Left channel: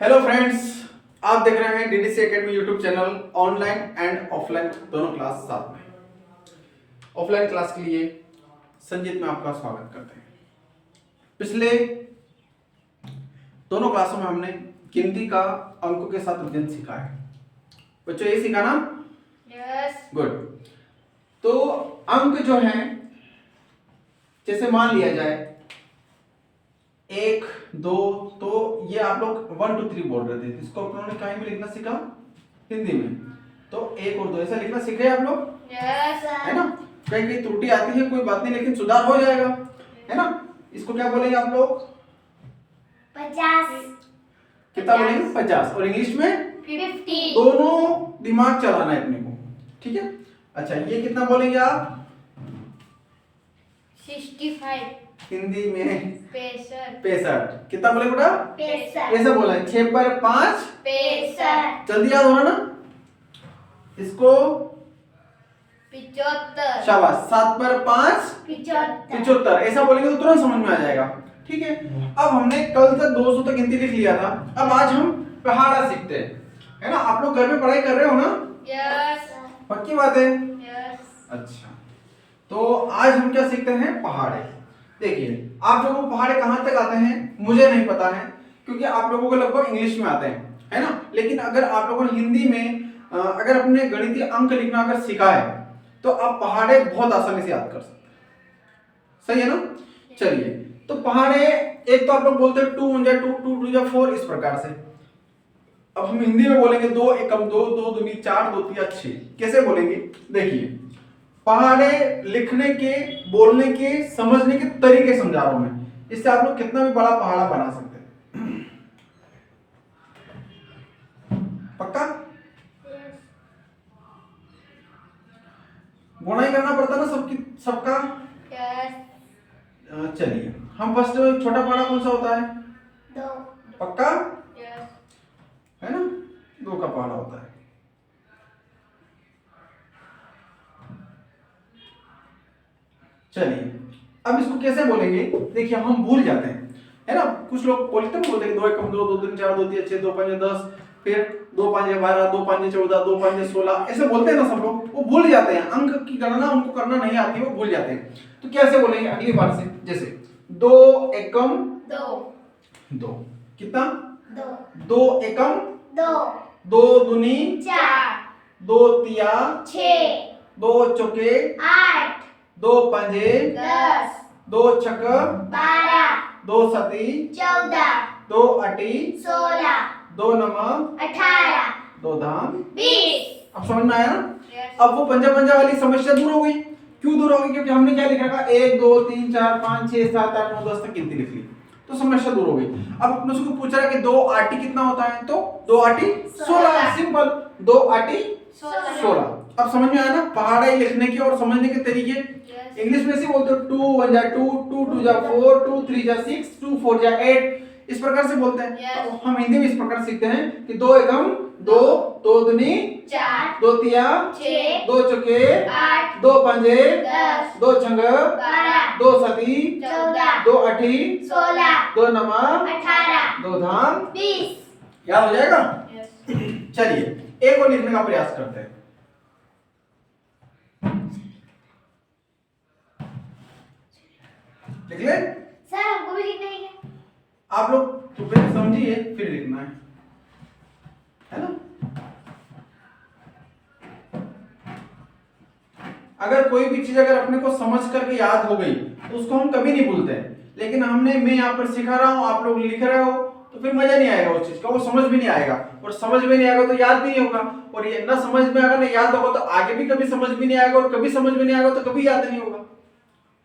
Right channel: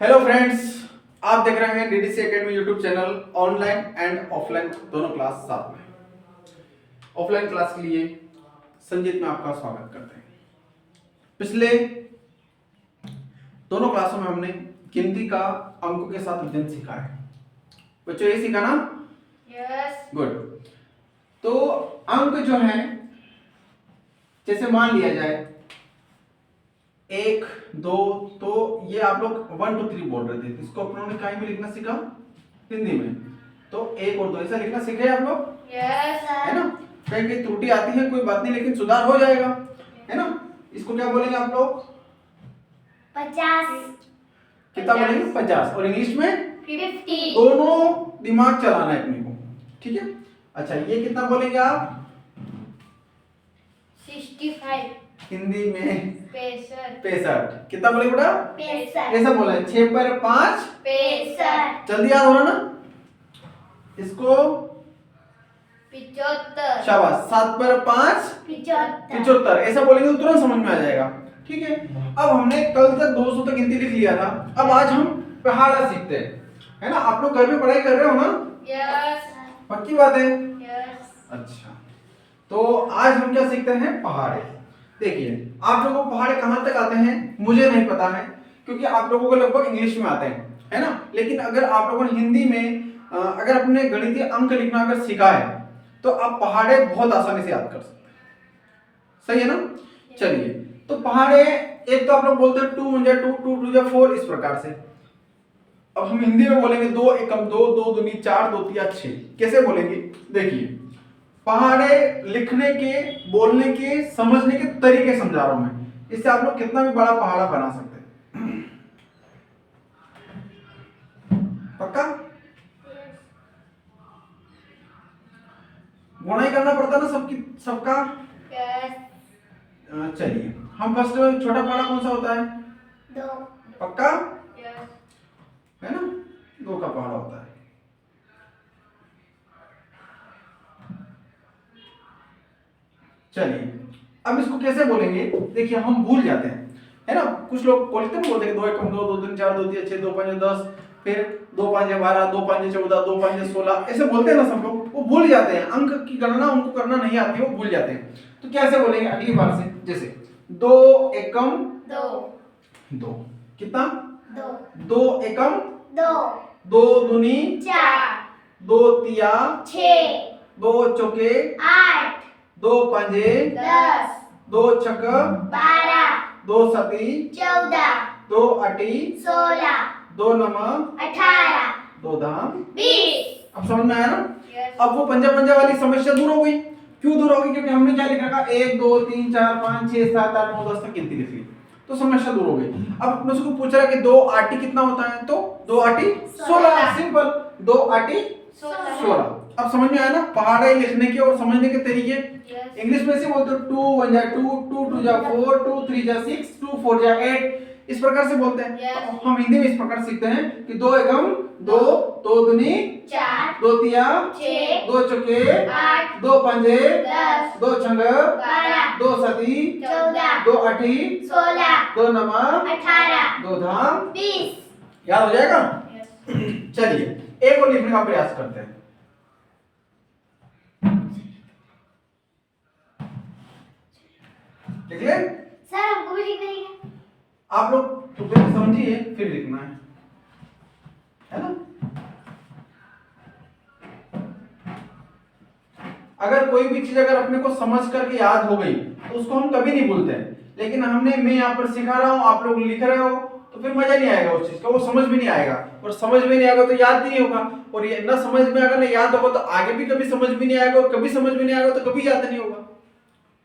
Hello friends, आप देख रहे हैं DDC academy YouTube channel. Online and offline दोनों क्लास साथ में। ऑफलाइन क्लास के लिए संजीत में आपका स्वागत करते हैं। पिछले दोनों क्लासों में हमने गिनती का अंकों के साथ अध्ययन सीखा है। बच्चों ये सीखा ना? यस। गुड। तो अंक जो है, जैसे मान लिया जाए 1 2, तो ये आप लोग 1 2 3 बोल रहे थे, इसको अपनों ने कहीं भी लिखना सीखा हिंदी में। तो 1 और 2 ऐसा लिखना सीखे आप लोग? यस है ना? कहीं कहीं त्रुटि आती है, कोई बात नहीं, लेकिन सुधार हो जाएगा, है ना? इसको क्या बोलेंगे आप लोग? 50। कितना बोलेंगे? 50। और इंग्लिश में 50। दोनों दिमाग चलाना है अपने को, ठीक है? अच्छा, ये कितना बोलेंगे आप? 65। हिंदी में 65। कितना बोलेंगे बेटा? 65। ऐसा बोला है, 6 पर 5 65। जल्दी याद होना ना इसको। 75। शाबाश। 7 पर 5 75 ऐसा बोलेंगे तो तुरंत समझ में आ जाएगा, ठीक है? अब हमने कल तक 200 तक गिनती लिख लिया था। अब आज हम पहाड़ा सीखते हैं, है ना? आप लोग घर में पढ़ाई कर रहे हो ना? यस। पक्की बात है? यस। अच्छा, तो आज हम क्या सीखते हैं? पहाड़े। देखिए, आप लोगों को पहाड़े कहां तक आते हैं मुझे नहीं पता है, क्योंकि आप लोगों को लगभग इंग्लिश में आते हैं, है ना? लेकिन अगर आप लोगों ने हिंदी में अगर अपने गणितीय अंक लिखना अगर सीखा है तो आप पहाड़े बहुत आसानी से याद कर सकते हैं। सही है ना? चलिए, तो पहाड़े एक तो आप लोग बोलते हैं 2 1 2 2 2 4 इस प्रकार से। अब हम हिंदी में बोलेंगे 2 एकम 2 2 दूनी 4 2 3 6। कैसे बोलेंगे? देखिए, पहाड़े लिखने के, बोलने के, समझने के तरीके समझा रहा हूं मैं। इससे आप लोग कितना भी बड़ा पहाड़ा बना सकते हैं। पक्का? गुणाई करना पड़ता ना सबका। यस। चलिए, हम फर्स्ट छोटा पहाड़ा कौन सा होता है? 2। पक्का? यस। है ना? 2 का पहाड़ा होता है। चलिए, अब इसको कैसे बोलेंगे? देखिए, हम भूल जाते हैं, है ना? कुछ लोग बोलते हैं 2 एकम 2 2 3 4 2 3 6 2 5 10, फिर 2 5 12 2 5 14 2 5 16 ऐसे बोलते हैं ना सब लोग। वो भूल जाते हैं, अंक की गणना उनको करना नहीं आती, वो भूल जाते हैं। तो कैसे बोलेंगे अगली बार से? जैसे 2 एकम 2। 2 कितना? 2। 2 एकम 2। 2 दूनी 4। 2 तिया 6। 2 चौके 8। 2 पंजे 10। 2 छक 12। 2 सती 14। 2 अटी 16। 2 नम 18। 2 धाम 20। अब समझ में आया ना? यस। अब वो पंजा पंजा वाली समस्या दूर हो गई। क्यों दूर हो गई? क्योंकि हमने क्या लिखा था? 1 2 3 4 5 6 7 8 9 10 तक गिनती लिख ली, तो समस्या दूर हो गई। अब अपने से को पूछ रहा है कि 2 आटी कितना होता है? तो 2 आटी 16। सिंपल, 2 आटी 16। अब समझ में आया ना पहाड़े लिखने के और समझने के तरीके? इंग्लिश में से बोलते हो 2 1 जा 2 2 2 जा 4 2 3 जा 6 2 4 जा 8 इस प्रकार से बोलते हैं। Yes. तो हम हिंदी में इस प्रकार सीखते हैं कि 2 एकम 2 2 दूनी 4। 2 तिया 6। 2 चौके 8। 2 पंजे 10। 2 छंग 12। 2 सती 14। 2 अठी 16। 2 नमा 18। 2 धाम 20। याद हो जाएगा? यस। चलिए, एक और लिखने का प्रयास करते हैं। लिख ले। सर हमको भी लिखना है क्या? आप लोग तो पहले समझिए फिर लिखना है ना? अगर कोई भी चीज अगर अपने को समझ करके याद हो गई तो उसको हम कभी नहीं भूलते हैं। लेकिन मैं यहाँ पर सिखा रहा हूँ, आप लोग लिख रहे हो, तो फिर मजा नहीं आएगा उस चीज का, वो समझ भी नहीं आएगा, और समझ में नहीं आएगा तो याद भी नहीं होगा, और ये ना समझ में आएगा ना याद होगा तो आगे भी कभी समझ भी नहीं आएगा, और कभी समझ में नहीं आएगा तो कभी याद नहीं होगा।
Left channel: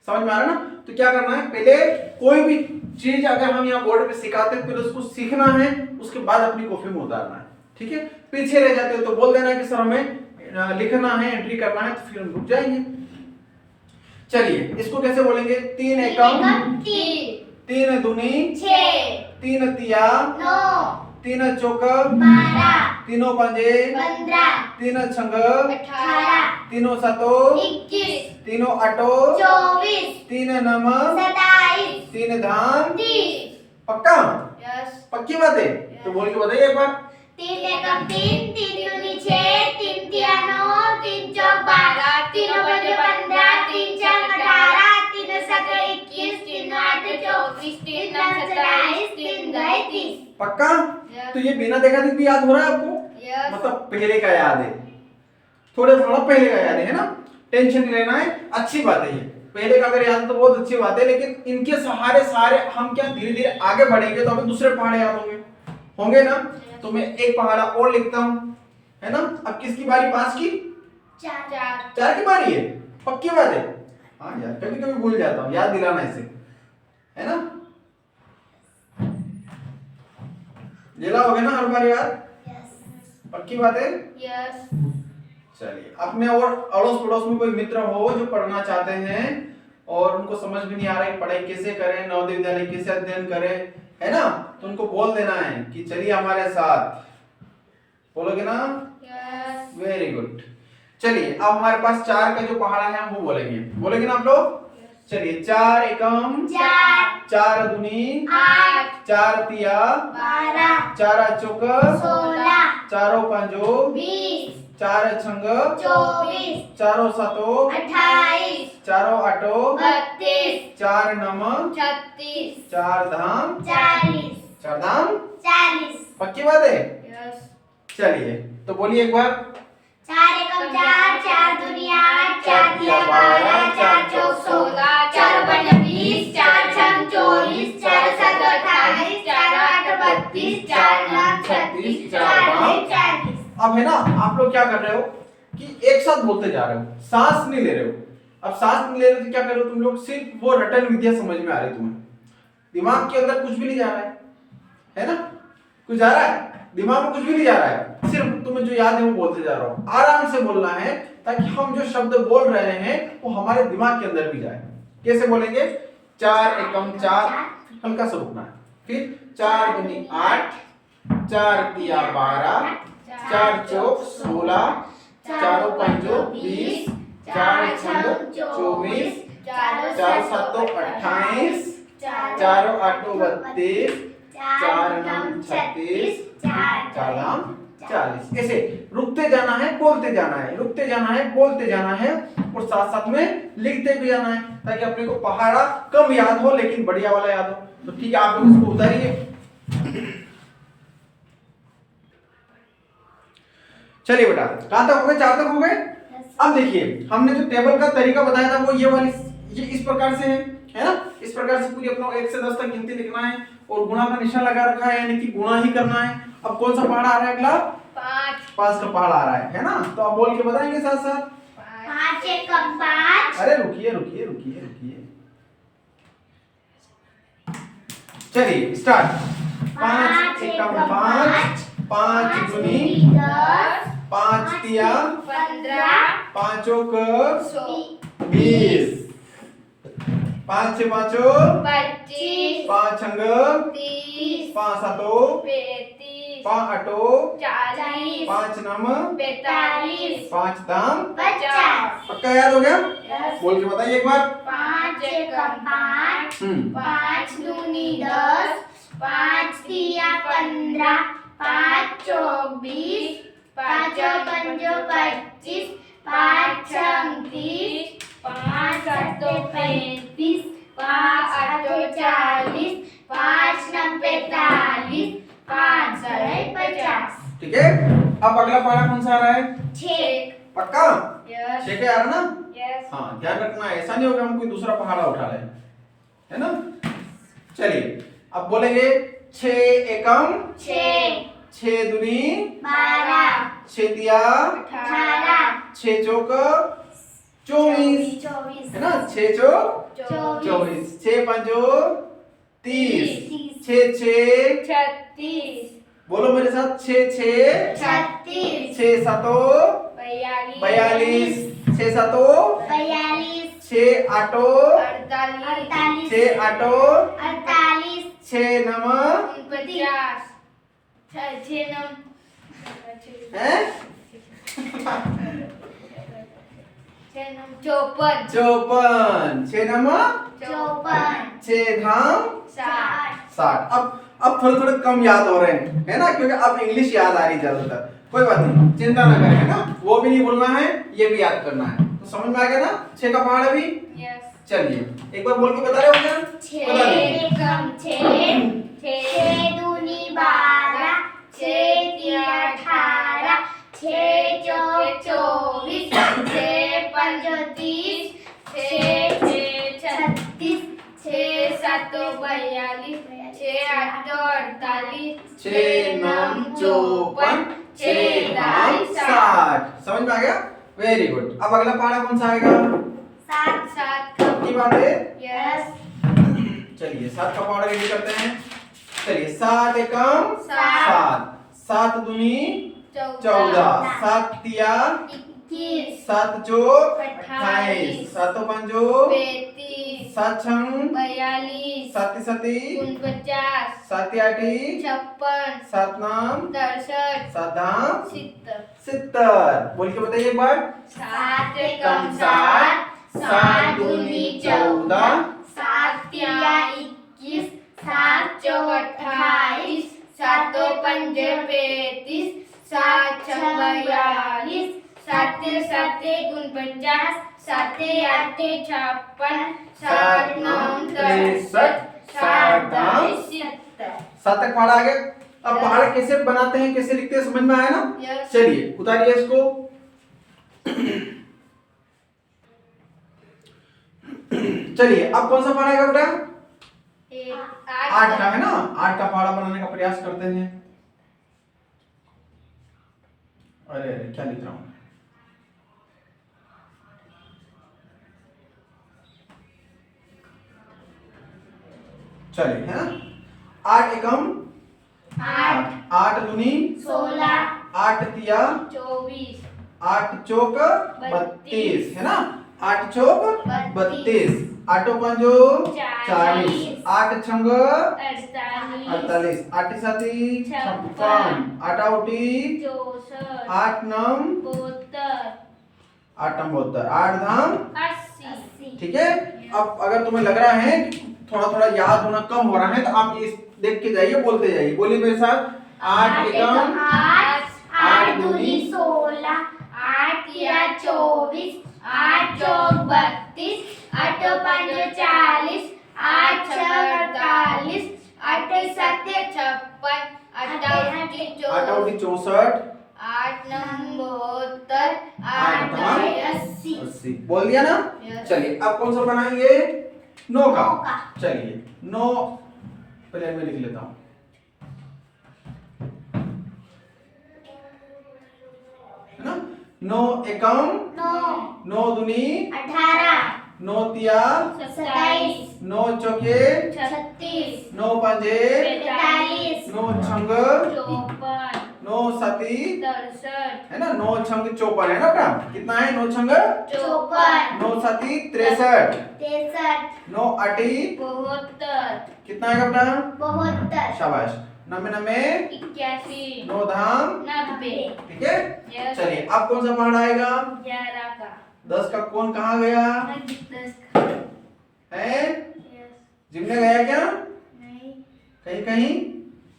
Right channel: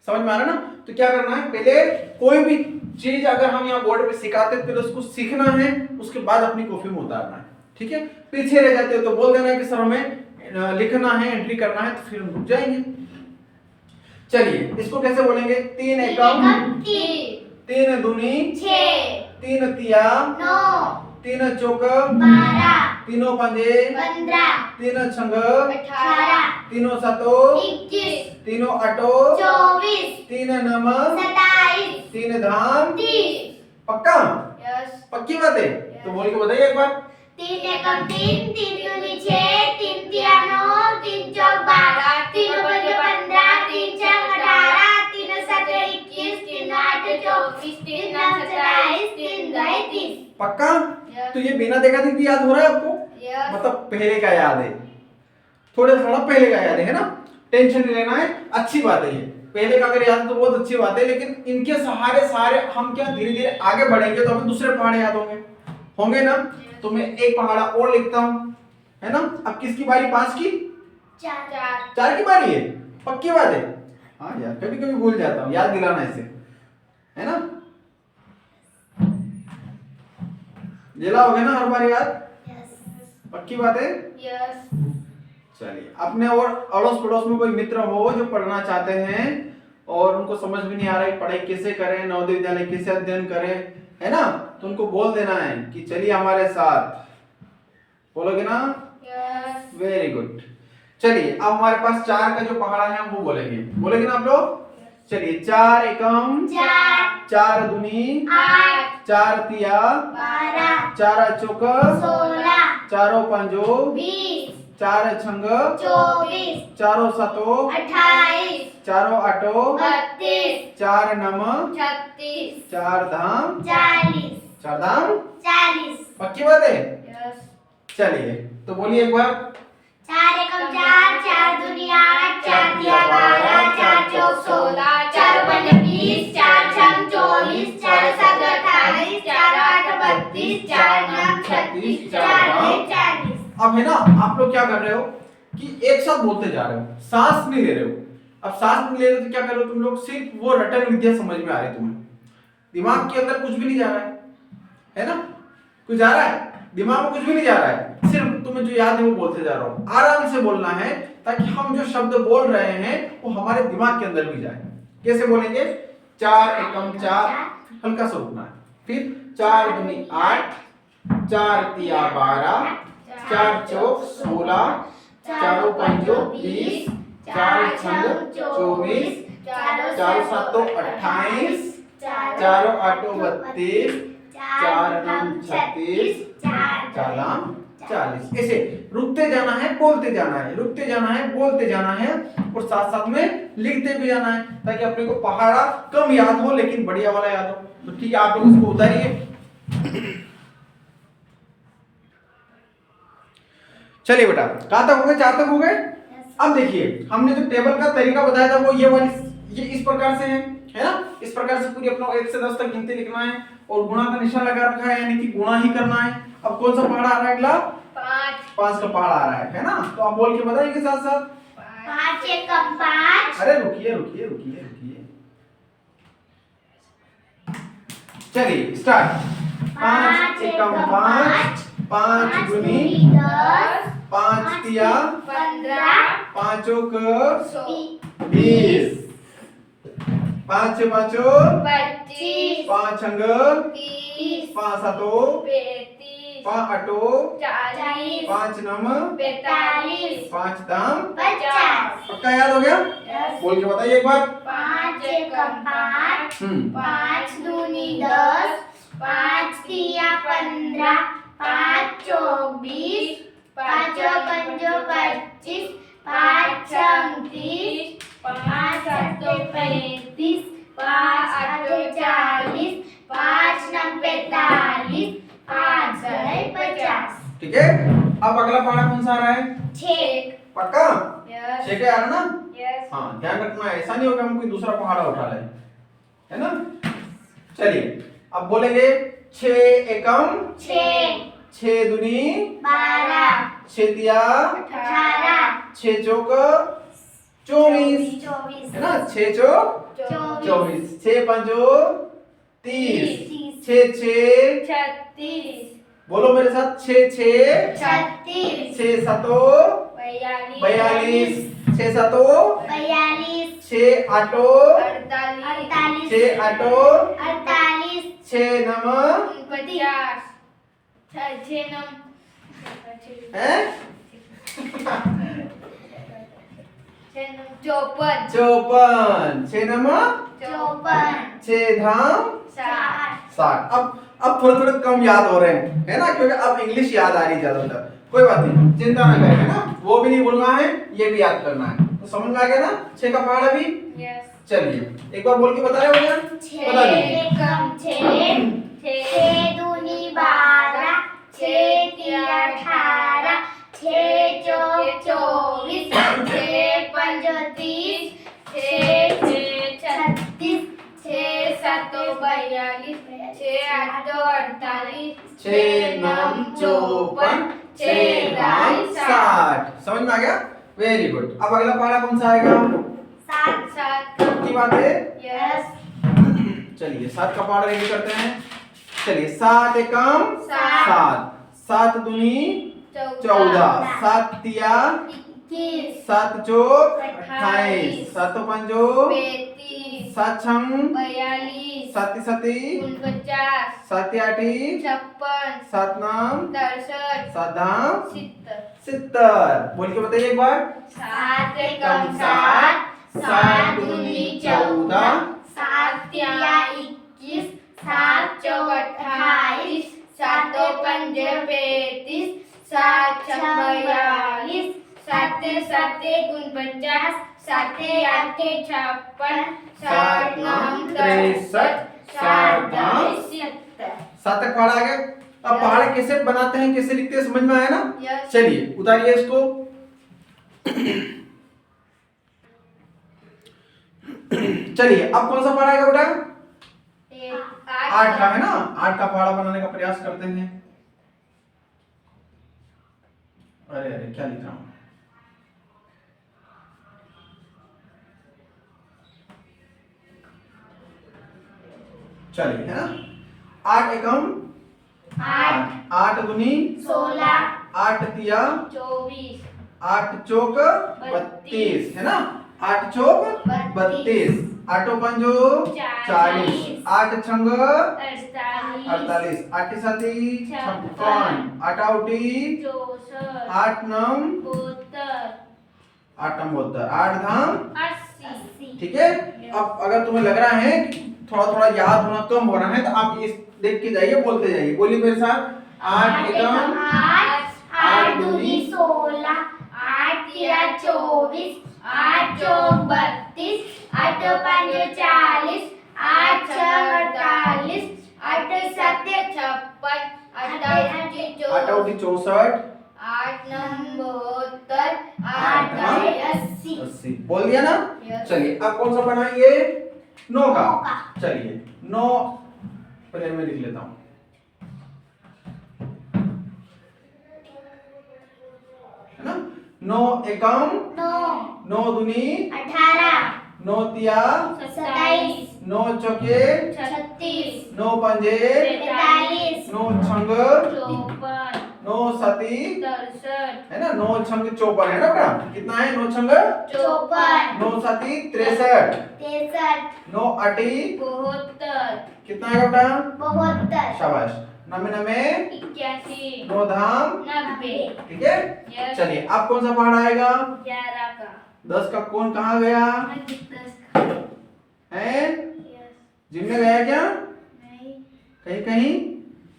समझ में आ रहा ना? तो क्या करना है, पहले कोई भी चीज अगर हम यहाँ बोर्ड पे सिखाते हैं, पहले उसको सीखना है, उसके बाद अपनी कॉपी में उतारना है, ठीक है? पीछे रह जाते हो तो बोल देना कि सर हमें लिखना है, एंट्री करना है, तो फिर हम रुक जाएंगे। चलिए, इसको कैसे बोलेंगे? 3 एकम 3 दूनी 6। 3 तिया 9। 3 चौक 12। 3 पंजे 15। 3 छंग 18। 3 सतो 21। 3 अटो 24। 3 नम 27। 3 धाम 30। पक्का? यस। पक्की बात है? तो बोल के बताइए एक बार। 3 एकम 3, 3 दूनी 6, 3 तिया 9, 3 चौक 12, 3 पंजे 15, 3 छक 18, 3 सत 21, 3 आठ 24, 3 नौ 27, 3 दह 30। पक्का? तो ये बिना देखा देखी याद हो रहा है आपको? मतलब पहले का याद है, थोड़ा थोड़ा पहले का याद है ना, टेंशन नहीं लेना है, अच्छी बात है ये। पहले का अगर याद है तो बहुत अच्छी बात है, लेकिन इनके सहारे सारे हम क्या धीरे धीरे आगे बढ़ेंगे तो हमें दूसरे पहाड़ याद होंगे ना। तो मैं एक पहाड़ा और लिखता हूँ, है ना। अब किसकी बारी? 5 की? 4 की बारी है, पक्की बात है। हाँ यार, कभी कभी भूल जाता हूँ, याद दिलाना ऐसे, है ना। दिलाओगे ना हर बार याद? पक्की बात है। चलिए, अपने और अड़ोस पड़ोस में कोई मित्र हो जो पढ़ना चाहते हैं और उनको समझ भी नहीं आ रहा है पढ़ाई कैसे करें, नवोदय विद्यालय कैसे अध्ययन करें, है ना, तो उनको बोल देना है कि चलिए हमारे साथ। बोलोगे ना? Very good. चलिए, अब हमारे पास 4 का जो पहाड़ा है हम वो बोलेंगे ना आप लोग। चलिए, 4 एकम 4, 4 दूनी 8, 4 तिया 12, 4 चौक 16, 4 पंजो 20, 4 छंग 24, 4 सतो 28, 4 आठो 32, 4 नम 36, 4 धाम 40, 4 धाम। 40। पक्की बात है। चलिए, तो बोलिए एक बार। 4 एकम 4, 4 दूनी 8, 4 तिया 12, 4 चौक 16, 4 पंजे 20, 4 छंग 24, 4 सत 28, 4 आठ 32, 4 नौ 36, 4 दह 40। अब है ना, आप लोग क्या कर रहे हो कि एक साथ बोलते जा रहे हो, सांस नहीं ले रहे हो। अब सांस नहीं ले रहे तो क्या कर रहे हो तुम लोग? सिर्फ वो रटन विद्या समझ में आ रही है तुम्हें, दिमाग के अंदर कुछ भी नहीं जा रहा है ना। कुछ जा रहा है दिमाग में? कुछ भी नहीं जा रहा है, सिर्फ तुम्हें जो याद है वो बोलते जा रहा हो। आराम से बोलना है ताकि हम जो शब्द बोल रहे हैं वो हमारे दिमाग के अंदर भी जाए। कैसे बोलेंगे? 4 एकम 4, हल्का सा रुकना है, फिर 4 दूनी 8, 4 तिया 12, 4 चौक 16, 4 पंजो 20, 4 छंग 24, 4 सतो 28, 4 आठो 32, 4 नम 36, 4 दाम 40। ऐसे रुकते जाना है, बोलते जाना है, रुकते जाना है, बोलते जाना है, और साथ साथ में लिखते भी जाना है ताकि अपने को पहाड़ा कम याद हो लेकिन बढ़िया वाला याद हो। तो ठीक है, आप लोग इसको उतारिए। चलिए बेटा, कहां तक हो गए? 4 तक हो गए। अब देखिए, हमने जो टेबल का तरीका बताया था वो ये इस प्रकार से है ना। इस प्रकार से पूरी अपना 1 से 10 तक गिनती लिखना है और गुणा का निशान लगा रखा है, यानी कि गुणा ही करना है। अब कौन सा पहाड़ा आ रहा है अगला? 5 का पहाड़ा आ रहा है ना। तो आप बोल के बताएंगे साथ साथ। 5 एकम 5। अरे रुकिए। चलिए स्टार्ट। 5 एकम 5, 5 दूनी 10, 5 तिया 15, 5 चौक 20, 5 छे 5 25, 5 छंग 30, 5 सातो 35, 5 आठो 40, 5 नम 45, 5 दाम 50। पक्का याद हो गया? बोल के बताइए एक बार। 5 एकम 5, 5 दूनी 10, 5 तिया 15, 5 चौक 20, 5 पंजो 25, 5 छंग 30, 5 सतो 35, 5 आठो 40, 5 नम 45, 5 दह 50। ठीक है, अब अगला पहाड़ा कौन सा आ रहा है? 6। पक्का? 6 के आ रहा ना? हाँ, ध्यान रखना, ऐसा नहीं होगा हम कोई दूसरा पहाड़ा उठा लें, है ना। चलिए, अब बोलेंगे 6 एकम 6, 6 दूनी 12, 6 तिया 18, 6 चौक 24, है ना। 6 चौक 24, 6 पंजो 30, 6 6 36, बोलो मेरे साथ, 6 6 36, 6 सतो 42, 6 सतो 42, 6 आठो 48, 6 आठो 48, 6 नम 50, 6 नम हैं 54, 54, 6 नम 54, 6 धाम 60, 60। अब अब थोड़े थोड़े कम याद हो रहे हैं, है ना, क्योंकि अब इंग्लिश याद आ रही ज्यादातर। कोई बात नहीं, चिंता ना करें, है ना, वो भी नहीं भूलना है, ये भी याद करना है। तो समझ में आ गया ना 6 का पहाड़ अभी? चलिए एक बार बोल के बता रहे हो भैया? बता दीजिए। 6 दूनी 12, 6 तिया 18, 6 चौक 24, 6 पंज 30, 6 36, 6 7 42, 6 8 48, 6 9 54, 6 9 60। समझ में आ गया? Very good. अब अगला पहाड़ा कौन सा आएगा? 7 की बात है? यस। चलिए 7 का पहाड़ा रेडी करते हैं। चलिए 7 एकम 7, 7 दूनी 14, 7 तिया 21, 7 चौक 28, 7 पंजो 35, 7 छंग 42, 7 सती 49, 7 आठी 56, 7 नाम 63, 7 धाम 70। 70। बोल के बताइए एक बार। 7 एकम 7, 7 दूनी 14, 7 तिया 21, 7 चौक 28, 7 पंजे 35, 7 छंग 42, 7 7 49, 7 8 56, 7 9 63, 7 10 70। 7 तक पहाड़ा आ गया। अब पहाड़ कैसे बनाते हैं, कैसे लिखते हैं, समझ में आया ना? Yes. चलिए उतारिए इसको। चलिए अब कौन सा पहाड़ा आएगा बेटा? 8 का, है ना? 8 का पहाड़ा बनाने का प्रयास करते हैं। अरे अरे क्या लिख रहा हूं? चलिए, है ना? 8 एकम 8, 8 दूनी 16, 8 तिया 24, 8 चौक 32, है ना? 8 चौक 32, 8 पंजो 40, 8 छंग 48, 48, 8 साती 56, 8 आउटी 64, 8 नम 72, 8 नम 72, 8 धाम 80। ठीक है। अब अगर तुम्हें लग रहा है कि थोड़ा थोड़ा याद होना कम हो रहा है, तो आप इस देख के जाइए, बोलते जाइए। बोलिए मेरे साथ। 8 एकम 8, 8 दूनी 16, 8 तिया 24, 8 चौक 32, 8 पंज 40, 8 छह 48, 8 सत 56, 8 आठी 8 आउटी 64, 8 नम 72, 8 धाम 80। 80। बोल दिया ना? Yes. चलिए अब कौन सा बनाएंगे? 9 का। 9 का। चलिए 9 पहले मैं लिख लेता हूं, है ना? 9 एकम 9 दूनी 18, 9 तिया 27, 9 चौके 36, 9 पंजे 45, 9 छंग 54, 9 साती, 63, है ना? 9 छंग 54, है ना बेटा? कितना है? 9 छंग 54, 9 साती 63, 63, 9 आठी 72, कितना है बेटा? 72, शाबाश। 9 81, 9 धाम 90। ठीक है। Yes. चलिए अब कौन सा पहाड़ आएगा? 11 का। 10 का कौन कहाँ गया 10 का। है? Yes. जिम में गया क्या? नहीं। कहीं कहीं?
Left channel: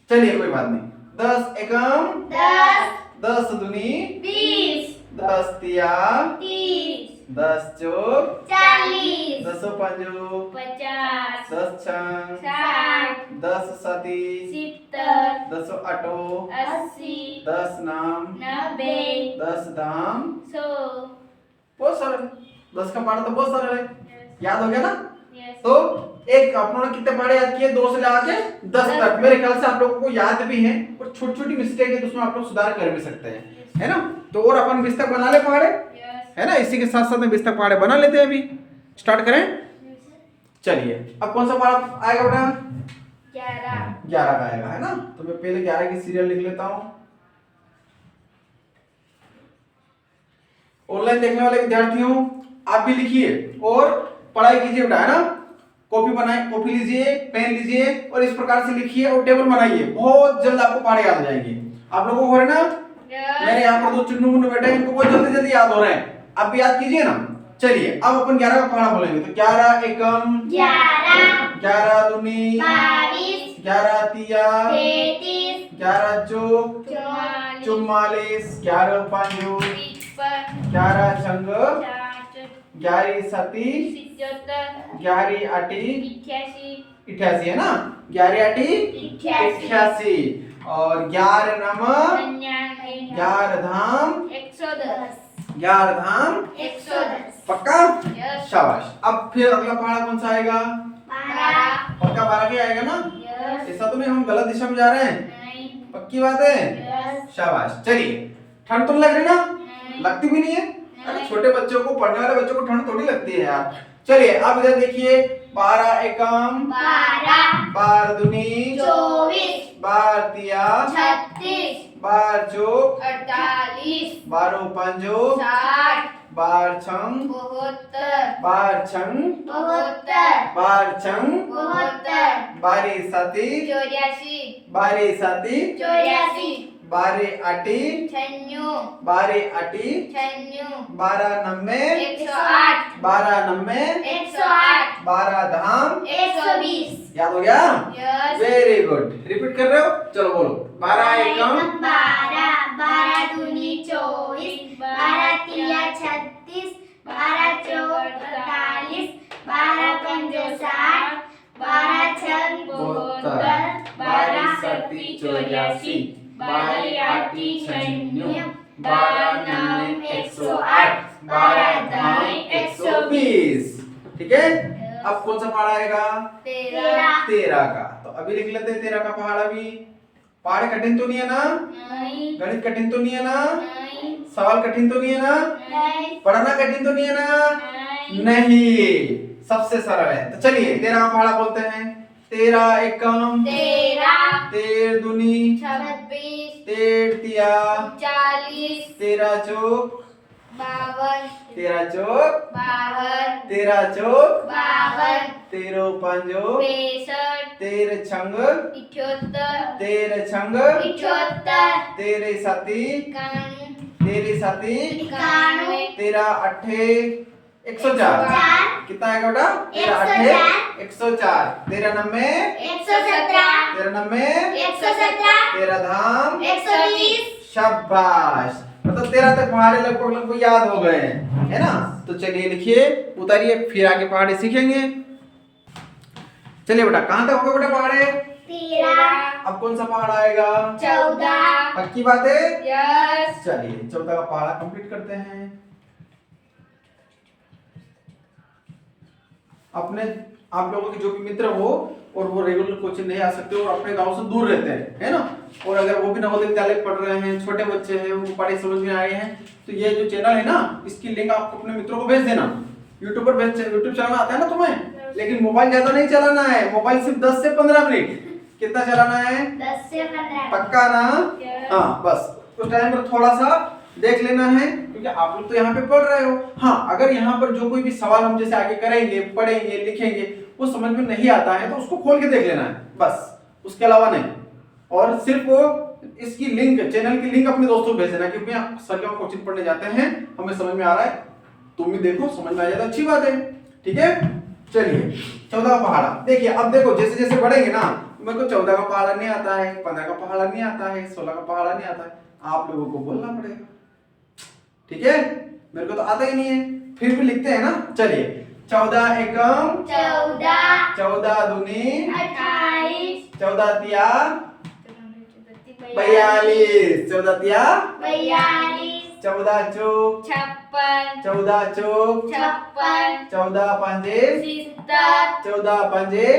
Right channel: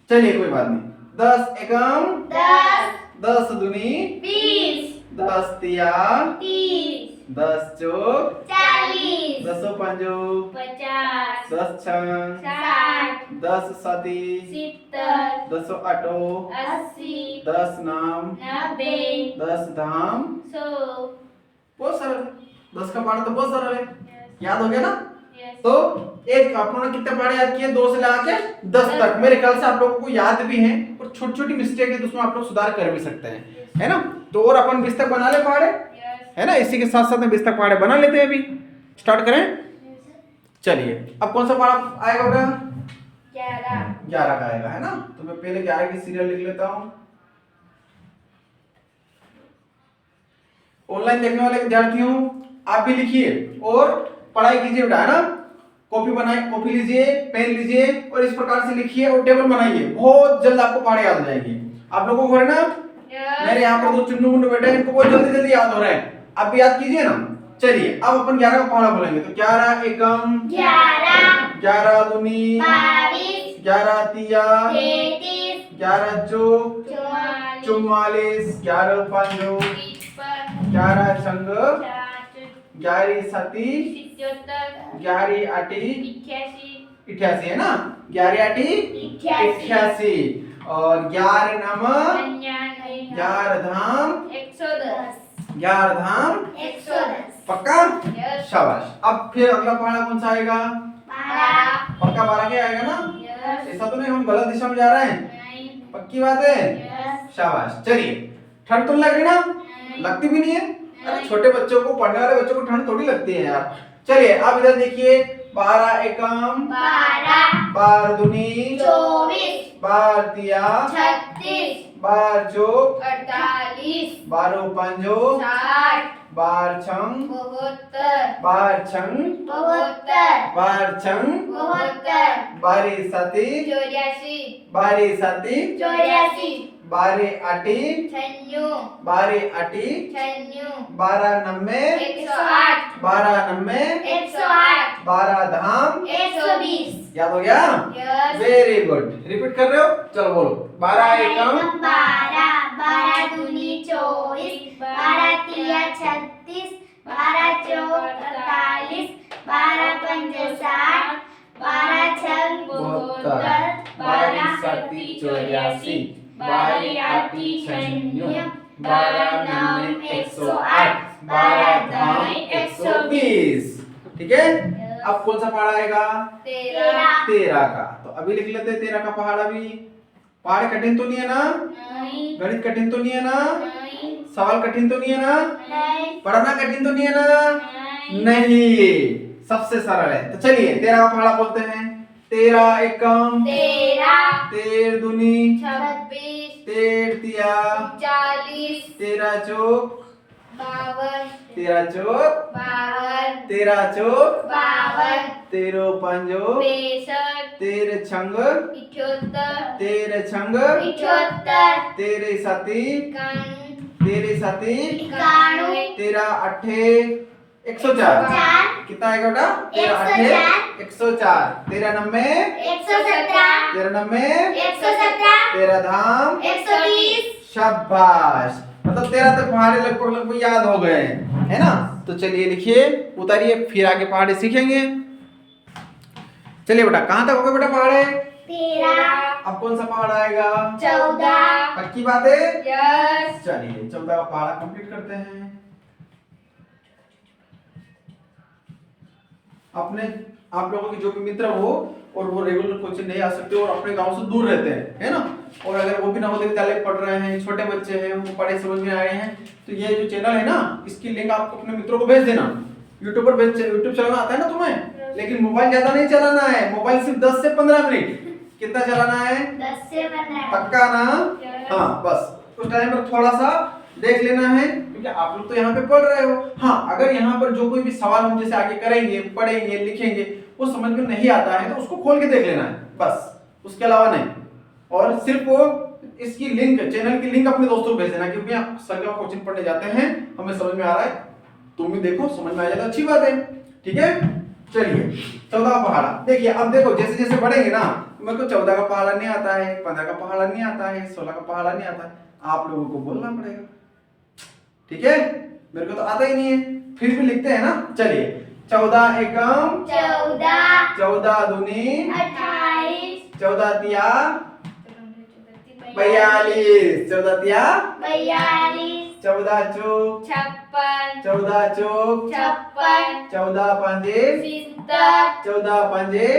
चलिए कोई बात नहीं। 10 एकम 10, 10 दूनी 20, 10 तिया 30, 10 चौक 40, 10 पंजो 50, 10 छंग 60, 10 साती 70, 10 आठो 80, 10 नाम 90, 10 धाम 100। बहुत सरल। 10 का पहाड़ तो बहुत सरल है, Yes. याद हो गया ना? Yes. तो एक आप लोगों ने कितने पहाड़े याद किए? 2 से लेके 10 तक। मेरे ख्याल से आप लोगों को याद भी हैं, और छोटी छोटी मिस्टेक है तो उसमें आप लोग सुधार कर भी सकते हैं, है ना? तो और अपन 20 तक बना ले पहाड़े, Yes. है ना? इसी के साथ साथ में 20 तक पहाड़े बना लेते हैं। अभी स्टार्ट करें। चलिए अब कौन सा पहाड़ आएगा बेटा? 11, 11 का आएगा, है ना? तो मैं पहले 11 की सीरियल लिख लेता हूं। ऑनलाइन देखने वाले विद्यार्थियों आप भी लिखिए और पढ़ाई कीजिए बेटा, है ना? कॉपी बनाए, कॉपी लीजिए, पेन लीजिए और इस प्रकार से लिखिए और टेबल बनाइए। बहुत जल्द आपको पहाड़े याद हो जाएंगे। आप लोगों को हो रहे ना? Yes. मेरे यहाँ पर 2 चुन्नू मुन्नू बैठे हैं, इनको बहुत जल्दी जल्दी याद हो रहे हैं। आप भी याद कीजिए ना। चलिए अब अपन 11 का पहाड़ा बोलेंगे। तो 11 एकम 11, 11 दूनी 22, 11 तिया 33 11 चौक 44 44 11 पंजो 11 छंग 11 सती 11 आटी 88 है ना 11 आटी 88 और 11 नम 11 धाम 110 पक्का शाबाश। अब फिर अगला पहाड़ा कौन सा आएगा 12 पक्का 12 के आएगा ना ऐसा तो नहीं हम गलत दिशा में जा रहे हैं पक्की बात है शाबाश। चलिए ठंड तो नहीं लग रही ना लगती भी नहीं है अरे छोटे बच्चों को पढ़ने वाले बच्चों को ठंड थोड़ी लगती है यार। चलिए अब इधर देखिए 12 एकम 12 दूनी 24 12 तिया 36 12 चौक 48 12 पंजो 60 12 छंग 72 12 छंग 12 छंग 12 सती 12 सती 12 आटी 12 आटी 12 नम्मे 12 नम्मे 12 धाम 120 याद हो गया वेरी गुड रिपीट कर रहे हो चलो बोलो 12 एकम 12 दूनी 24 12 तिया 36 12 चौक 48 12 पंजो 60 12 छंग 72 12 सती 84 12 आटी 96 12 नाम 108 12 धाम 120 ठीक है। अब कौन सा पहाड़ा आएगा 13 का तो अभी लिख लेते हैं 13 का पहाड़ा भी। पहाड़ कठिन तो नहीं है ना गणित कठिन तो नहीं है ना सवाल कठिन तो नहीं है ना पढ़ना कठिन तो नहीं है ना नहीं सबसे सरल है। तो चलिए 13 का पहाड़ा बोलते हैं 13 एकम 13 दूनी 26 13 तिया 40 13 चौक 13 चौक 13 चौक 13 पंजो 13 छंग 13 छंग 13 सती 13 13 अठे 104 कितना आएगा बेटा 13 अठे 104 13 नम्मे 13 नम्मे 13 धाम 120 शाबाश मतलब 13 तक पहाड़े लगभग याद हो गए है ना। तो चलिए लिखिए उतारिए फिर आगे पहाड़े सीखेंगे। चलिए बेटा कहाँ तक हो गए बेटा पहाड़े 13 अब कौन सा पहाड़ आएगा 14 पक्की बात है यस चलिए 14 का पहाड़ा कंप्लीट करते हैं। अपने आप लोगों के जो भी मित्र हो और वो रेगुलर कोचिंग नहीं आ सकते और अपने गांव से दूर रहते हैं है ना और अगर वो भी नवोदय विद्यालय पढ़ रहे हैं छोटे बच्चे हैं वो पढ़े समझ में आए हैं तो ये जो चैनल है ना इसकी लिंक आप अपने मित्रों को भेज देना। यूट्यूब पर भेज यूट्यूब चलाना आता है ना तुम्हें लेकिन मोबाइल ज्यादा नहीं चलाना है मोबाइल सिर्फ 10 से 15 मिनट कितना चलाना है 10 से 15 पक्का ना हाँ बस उस टाइम पर थोड़ा सा देख लेना है क्योंकि आप लोग तो यहाँ पे पढ़ रहे हो। हाँ अगर यहाँ पर जो कोई भी सवाल हम जैसे आगे करेंगे पढ़ेंगे लिखेंगे वो समझ में नहीं आता है तो उसको खोल के देख लेना है बस उसके अलावा नहीं। और सिर्फ वो इसकी लिंक चैनल की लिंक अपने दोस्तों को भेज देना क्योंकि सर के कोचिंग पढ़ने जाते हैं हमें समझ में आ रहा है तुम भी देखो समझ में आ जाएगा अच्छी बात है ठीक है। चलिए 14 का पहाड़ा देखिए अब देखो जैसे जैसे बढ़ेंगे ना मेरे को 14 का पहाड़ा नहीं आता है 15 का पहाड़ा नहीं आता है 16 का पहाड़ा नहीं आता है आप लोगों को बोलना पड़ेगा ठीक है मेरे को तो आता ही नहीं है फिर भी लिखते हैं ना। चलिए 14 एकम 14 दूनी 28 14 तिया 42 14 तिया 14 चौक 14 चौक 14 पंजे 14 पंजे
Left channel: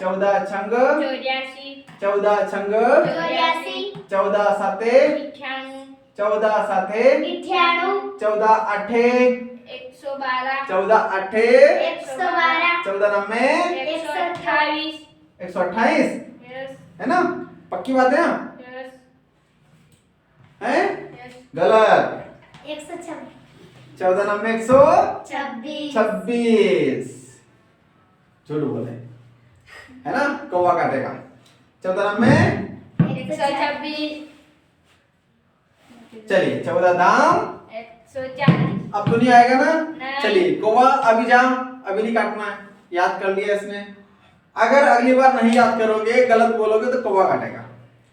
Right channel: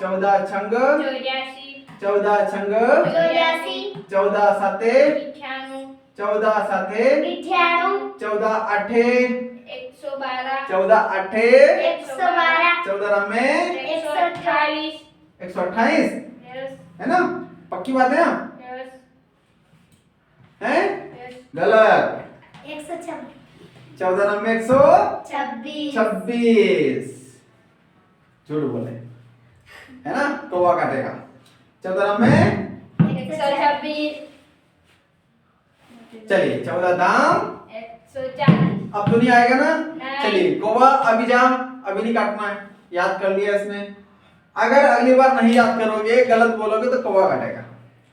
14 छंग 14 छंग 14 साते 14 साते 14 अठे 14 अठे 14 नम्मे 128 है ना पक्की बात है हैं गलत 14 नम्मे 126 झूठ बोले है ना कौवा काटेगा 14 नम्मे 126 चलिए 14 दाम 140 अब तो नहीं आएगा ना नहीं। चलिए कौवा अभी जाम अभी नहीं काटना है याद कर लिया इसने अगर अगली बार नहीं याद करोगे, गलत बोलोगे तो कौवा काटेगा।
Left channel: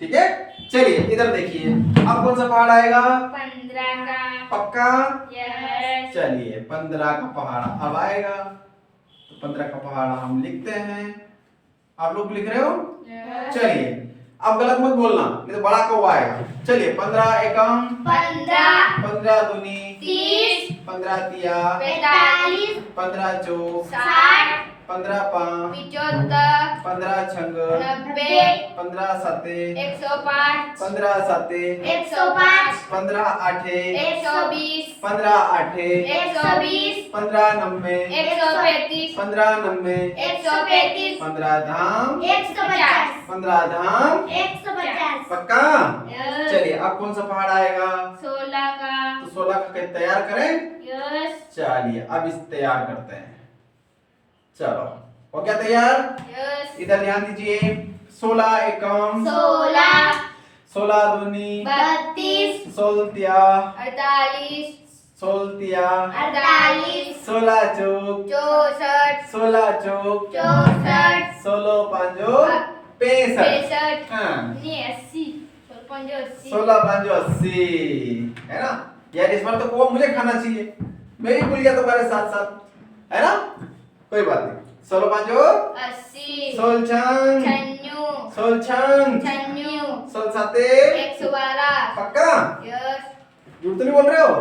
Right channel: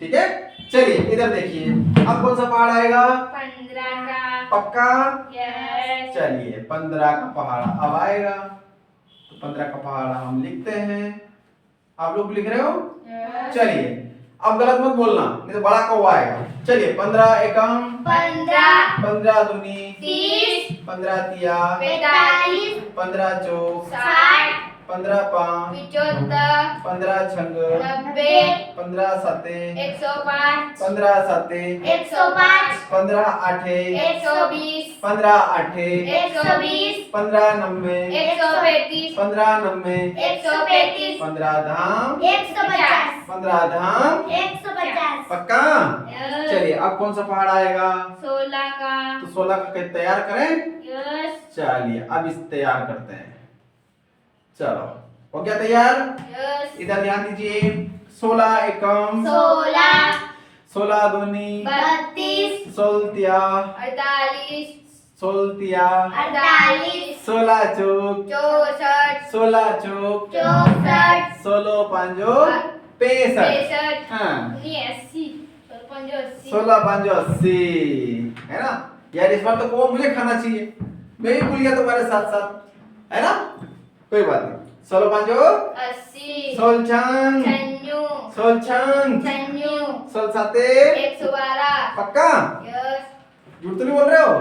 ठीक है, चलिए इधर देखिए, अब कौन सा पहाड़ आएगा? 15 का। पक्का? यस। चलिए 15 का पहाड़ अब आएगा, तो 15 का पहाड़ हम लिखते हैं। आप लोग लिख रहे हो? चलिए अब गलत मत बोलना, नहीं तो बड़ा कौवा आएगा। चलिए 15 एकम 15, 15 दूनी 30, 15 तिया 45, 15 चौक 60, 15 पाँच 75, 15 छंग 90, 15 सते 105, 15 सते 105, 15 आठे 120, 15 आठे 120, 15 नब्बे 135, 15 नब्बे 135, 15 धाम 150, 15 धाम 150। पक्का? चलिए अब कौन सा पहाड़ आएगा? 16 का। तो 16 का कैसे तैयार करें? यस। चलिए अब इस तैयार करते हैं। चलो हो गया तैयार? यस। इधर ध्यान दीजिए, 16 एकम 16, 16 दूनी 32, 16 48, 16 48, 16 चौक 64, 16 चौक 64, 16 पांचो 65। 65, हाँ 80, 80, 16 पांचो 80 है ना यार। इस बार तो कौवा मुझे खाना चाहिए, मैं भी भूल गया तुम्हारे साथ साथ, है ना? कोई बात नहीं। 16 पांचो 80, 16 छंग 96, 16 छंग 96, 16 साते 112। पक्का? यस। झूठ तो नहीं बोल रहे हो?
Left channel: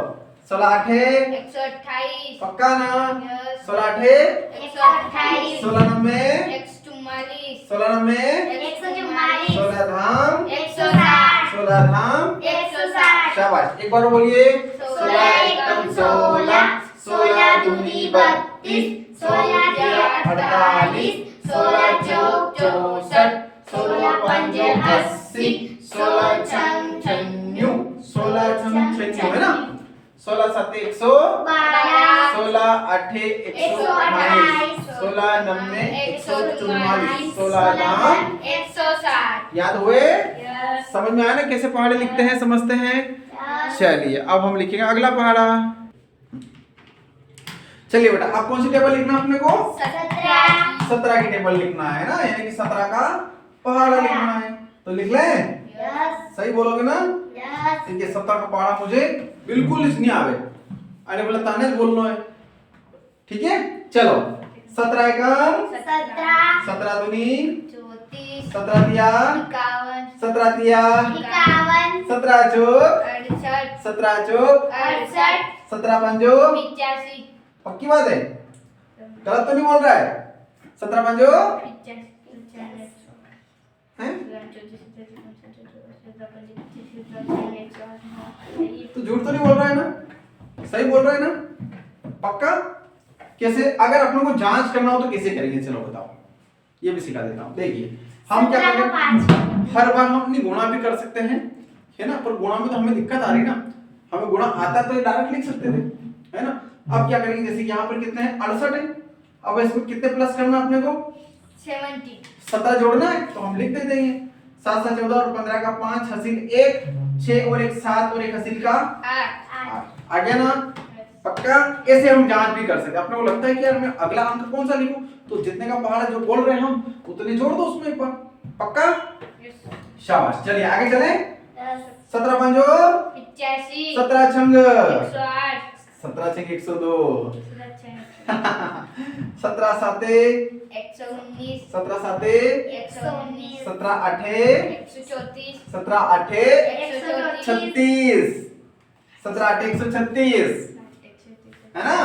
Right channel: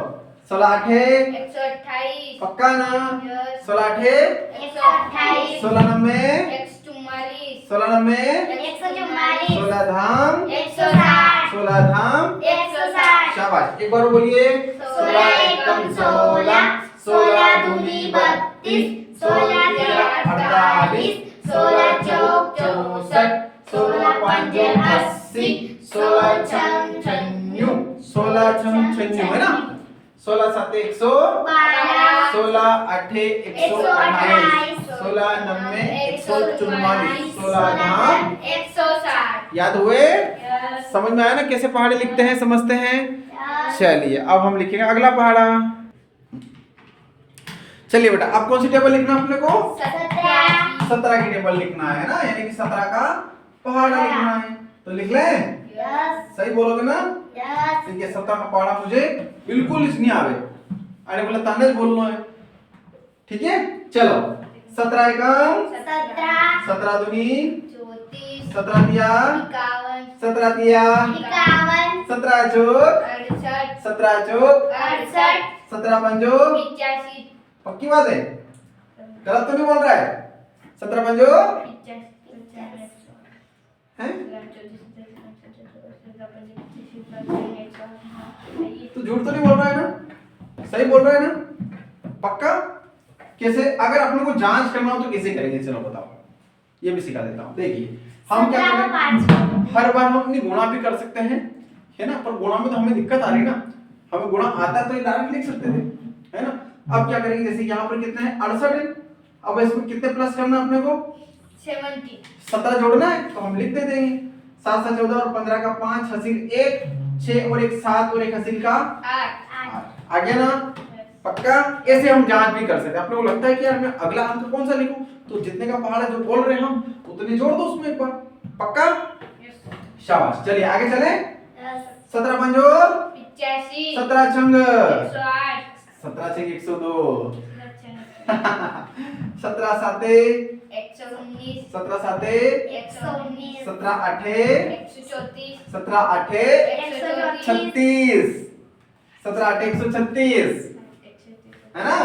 16 आठे 128। पक्का ना? यस। 16 आठे 128, 16 नब्बे 144, 16 नब्बे 144, 16 धाम 160, 16 धाम 160। शाबाश। एक बार बोलिए, 16 एकम 16, 16 दूनी 32, 16 तिया 48, 16 चौक 64, 16 पंजे 80, 16 छंग 96, 16 छंग 96 है ना? 16 साते 112, 16 आठे 128, 16 नब्बे 144, 16 धाम 160। याद हुए? यस। समझ में आया ना कैसे पहाड़े लिखते हैं, समझते हैं? चलिए अब हम लिखेंगे अगला पहाड़ा। चलिए बेटा, अब कौन सी टेबल लिखना है अपने को? 17। 17 की टेबल लिखना है ना, यानी कि 17 का पहाड़ा लिखना है। तो लिख लें? यस। सही बोलोगे ना? यस। ठीक है, 17 का पहाड़ा मुझे बिल्कुल नहीं आवे, अरे बोला ताने बोलना है। ठीक है, चलो 17 एकम 17, 17 दूनी 34, 17 तिया 51, 17 तिया 51, 17 चौक 68, 17 चौक 68, 17 पंजो 85, पक्की बात है, गलत तो नहीं बोल रहा है? 17 पंजो हैं? तो झूठ तो नहीं बोल रहा है ना? सही बोल रहा है ना? पक्का? कैसे अगर अपन को जांच करना हो तो कैसे करेंगे, चलो बताओ, ये भी सिखा देता हूँ। देखिए हम क्या करेंगे, हर बार हम अपनी गुणा भी कर सकते हैं, है ना? पर गुणा में तो हमें दिक्कत आ रही ना, हमें गुणा आता तो डायरेक्ट लिख सकते थे, है ना? अब क्या करेंगे, जैसे यहाँ पर कितने हैं 68 है, अब इसमें कितने प्लस करना अपने को 70, 17 जोड़ना है, तो हम लिख देते हैं 7 7 14 और 15 का 5 हसील 1 6 और 1 7 और 1 हसील का 8। आ गया ना? पक्का? ऐसे हम जांच भी कर सकते हैं। अपने को लगता है कि यार मैं अगला अंक कौन सा लिखूं, तो जितने का पहाड़ा जो बोल रहे हैं हम उतने जोड़ दो उसमें एक बार। पक्का? शाबाश। चलिए आगे चले। 17 पंजो 85, 17 छंग 108, 17 छंग 102 17 साते 119, 17 साते 119, 17 आठे 134, 17 आठे 36 17 आठे 136 है ना?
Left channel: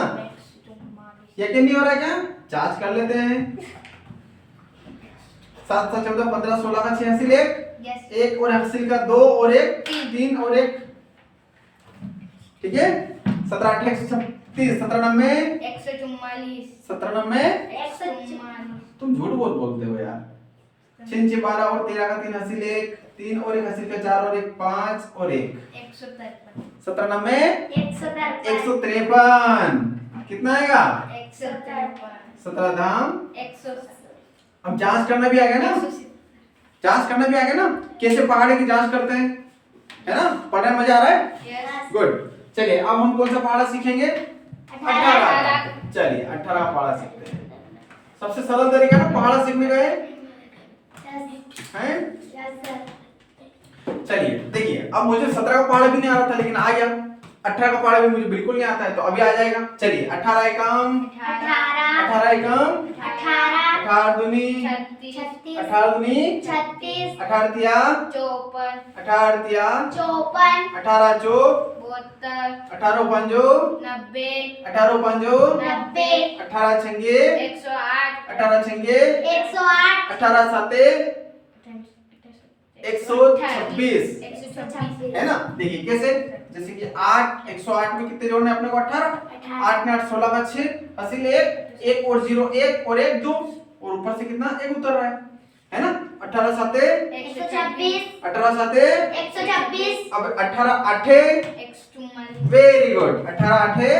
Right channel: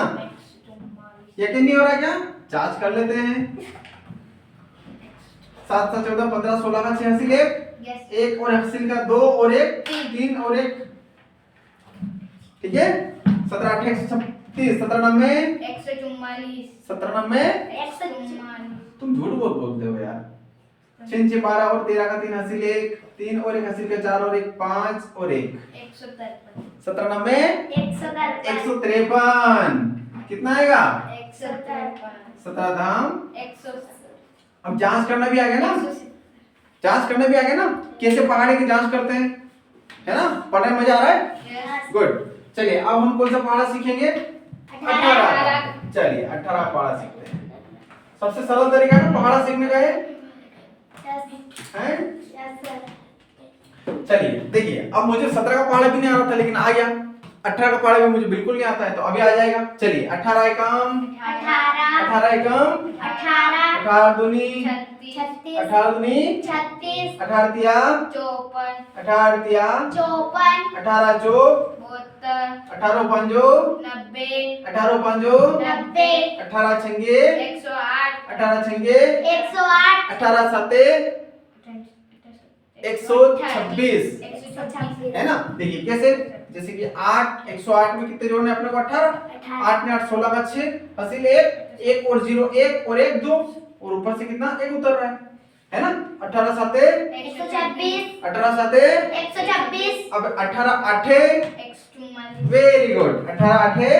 यकीन नहीं हो रहा क्या? जांच कर लेते हैं। 7 7 14 15 16 का 6 हसील 1 1 और हसील का 2 और 1 3 और 1, ठीक है? 17 8 136 17 नब्बे 144, 17 नब्बे 144, तुम झूठ बहुत बोलते हो यार। 6 6 12 और 13 का 3 हसील 1 3 और 1 हसील का 4 और 1 5 और 1 153, 17 नब्बे 153, कितना आएगा? 153, 17 धाम। 170, अब जांच करना भी आ गया ना, जांच करना भी आ गया ना, कैसे पहाड़ी की जांच करते हैं, है ना? पढ़ने में मजा आ रहा है? यस। गुड। चलिए अब हम कौन सा पहाड़ा सीखेंगे? 18। चलिए 18 पहाड़ा सीखते हैं। सबसे सरल तरीका है ना पहाड़ा सीखने का है। चलिए देखिए, अब मुझे 17 का पहाड़ा भी नहीं आ रहा था लेकिन आ गया। 18 का पहाड़ा भी मुझे बिल्कुल नहीं आता है तो अभी आ जाएगा। चलिए 18 एकम 18 एकम 18 दूनी 18 दूनी 18 तिया 18 तिया 18 चौक 18 पंजो 18 पंजो 18 छंगे 18 छंगे 18 साते 126 है ना। देखिए कैसे, जैसे कि 8 108 में कितने जोड़ने अपने को 18, 8 में 8 16 का 6 हासिल 1 और 0 1 और 1 2 और ऊपर से कितना 1 उतर रहा है ना। 18 साते 18 साते 126 अब 18 आठे वेरी गुड 18 आठे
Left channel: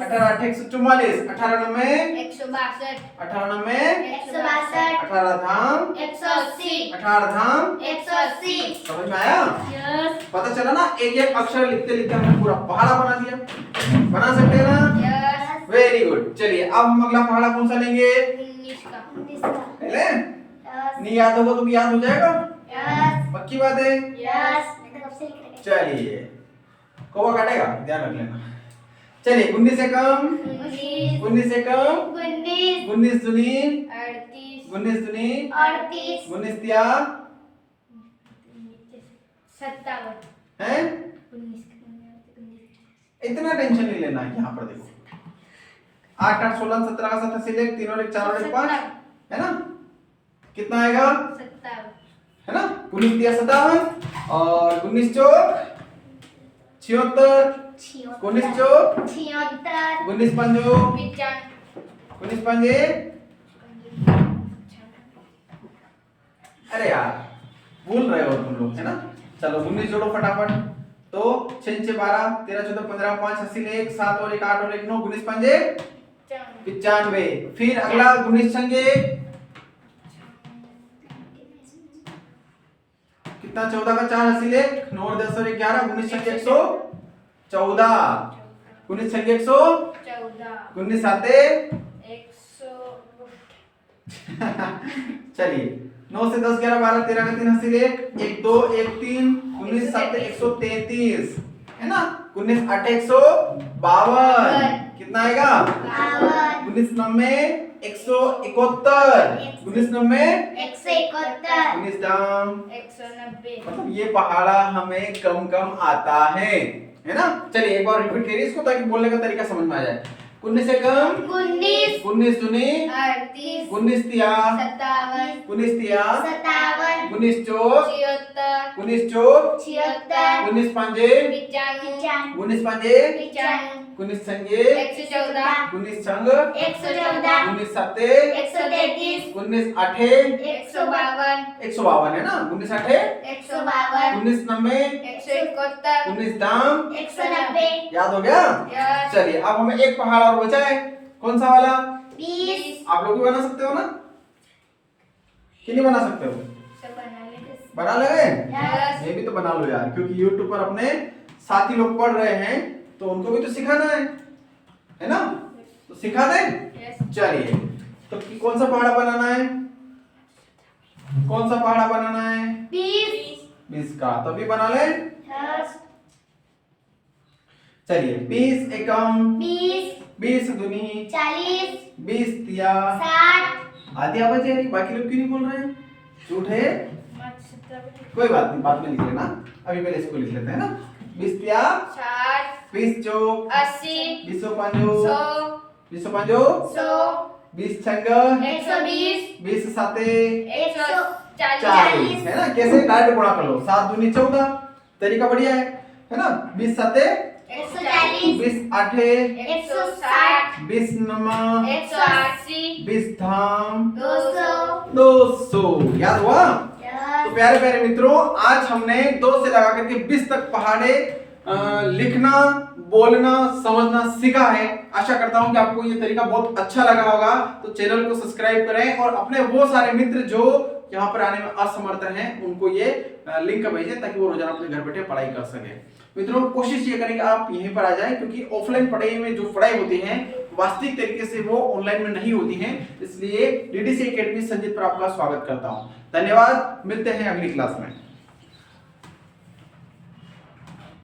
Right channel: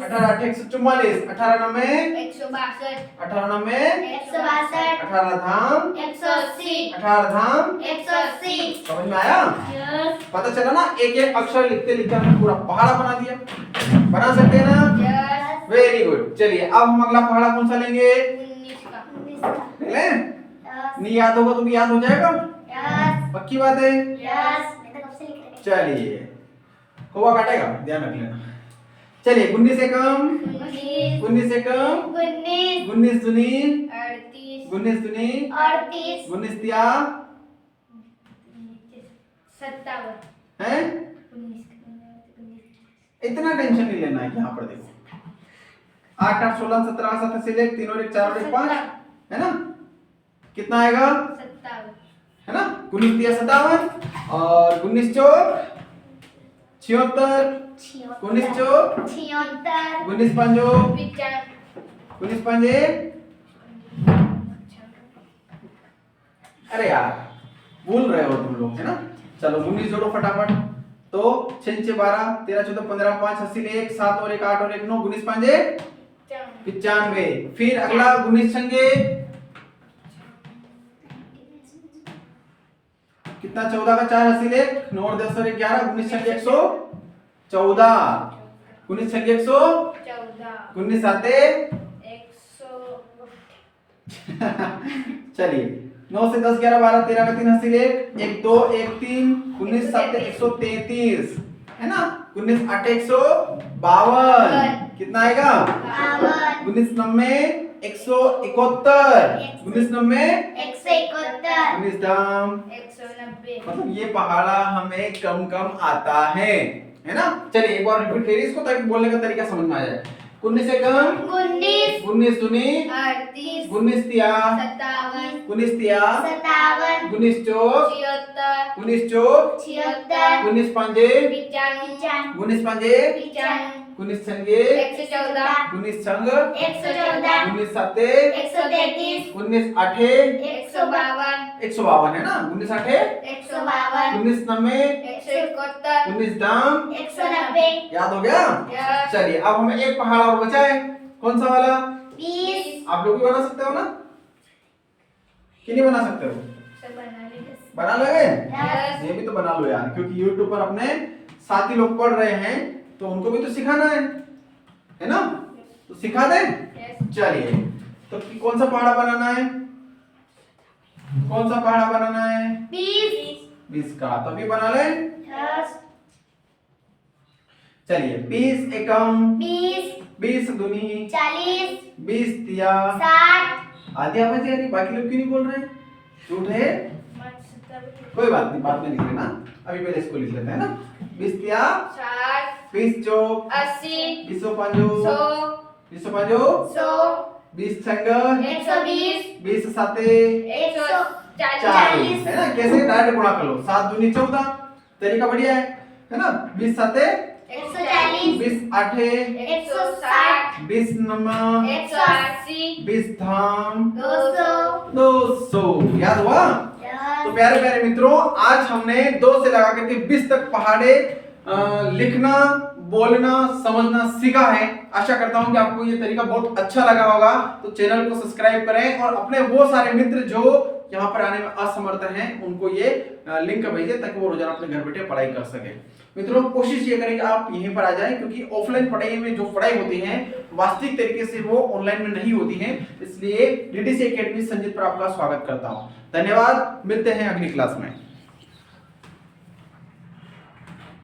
18 आठे 144 18 नवे 18 नवे 18 धाम 18 धाम 180 समझ में आया। पता चला ना, एक एक अक्षर लिखते लिखते हमने पूरा पहाड़ा बना दिया। बना सकते हैं ना, वेरी गुड। चलिए अब हम अगला पहाड़ा कौन सा लेंगे, ले नहीं याद होगा तो भी याद हो जाएगा, पक्की बात है। चलिए कौवा काटेगा, ध्यान रख लेना। चलिए 19 से कम 19 से कम 19 दुनी 19 दुनी 19 तिया 57 है। इतना टेंशन नहीं लेना है। यहाँ पर देखो 8 8 16 17 का 7 से 1 3 और 1 4 और 1 5 है ना, कितना आएगा 57 है ना। 19 तिया 57 और 19 चौक 76 19 चौक 19 पंजो 19 पंजे, अरे यार भूल रहे हो तुम लोग है ना। चलो 19 जोड़ो फटाफट, तो 6 6 12 13 14 15 5 80 1 7 और 1 8 और 1 9 19 पंजे 95। फिर अगला 19 छंगे कितना 14 का 4 80 1 9 और 10 और 11 19 छंगे 114 19 छंगे 114 19 साते 100 चलिए 9 से 10 11 12 13 का 3 80 1 1 2 1 3 19 7 133 है ना। 19 8 152 कितना आएगा 19 नब्बे 171 19 नब्बे 19 दाम 190 मतलब ये पहाड़ा हमें कम कम आता है ना। चलिए एक बार रिपीट करिए इसको ताकि बोलने का तरीका समझ में आ जाए। 19 से कम 19 दुनी 19 तिया 19 तिया 19 चौक 19 चौक 19 पंजे 19 पंजे 19 छंगे 19 छंग 19 सत्ते 19 आठे 152 है ना। 19 आठे 19 नब्बे 19 दाम 190 याद हो गया। चलिए अब हमें एक पहाड़ और बचा है, कौन सा वाला, 20 आप लोग भी बना सकते हो ना कि नहीं बना सकते हो, बना लगे ये भी तो बना लो यार, क्योंकि YouTube पर अपने साथी लोग पढ़ रहे हैं तो उनको भी तो सिखाना है ना, तो सिखा दे। चलिए तो कौन सा पहाड़ा बनाना है, कौन सा पहाड़ा बनाना है 20 का, तभी बना ले। चलिए 20 एकम 20 दुनी 20 तिया 60 आधी आवाज है, बाकी लोग क्यों नहीं बोल रहे हैं, झूठ है, कोई बात नहीं बाद में लिख लेना, अभी पहले इसको लिख लेते हैं ना। 20 तिया 20 चौक 20 पंजो 20 पंजो 20 छंग 20 साते 40 है ना। कैसे डायरेक्ट गुणा कर लो, 7 दूनी 14, तरीका बढ़िया है ना। 20 साते 20 आठे 20 नमा 20 धाम 200 याद हुआ। तो प्यारे प्यारे मित्रों, आज हमने 2 से लगा करके 20 तक पहाड़े लिखना, बोलना, समझना सीखा है। आशा करता हूं कि आपको ये तरीका बहुत अच्छा लगा होगा। तो चैनल को सब्सक्राइब करें और अपने वो सारे मित्र जो यहाँ पर आने में असमर्थ हैं उनको ये लिंक भेजें ताकि वो रोजाना अपने घर बैठे पढ़ाई कर सके। मित्रों कोशिश ये करें कि आप यहीं पर आ जाएं, क्योंकि ऑफलाइन पढ़ाई में जो पढ़ाई होती है वास्तविक तरीके से वो ऑनलाइन में नहीं होती हैं, इसलिए डीडीसी एकेडमी संजीत पर आपका स्वागत करता हूं। धन्यवाद, मिलते हैं अगली क्लास में।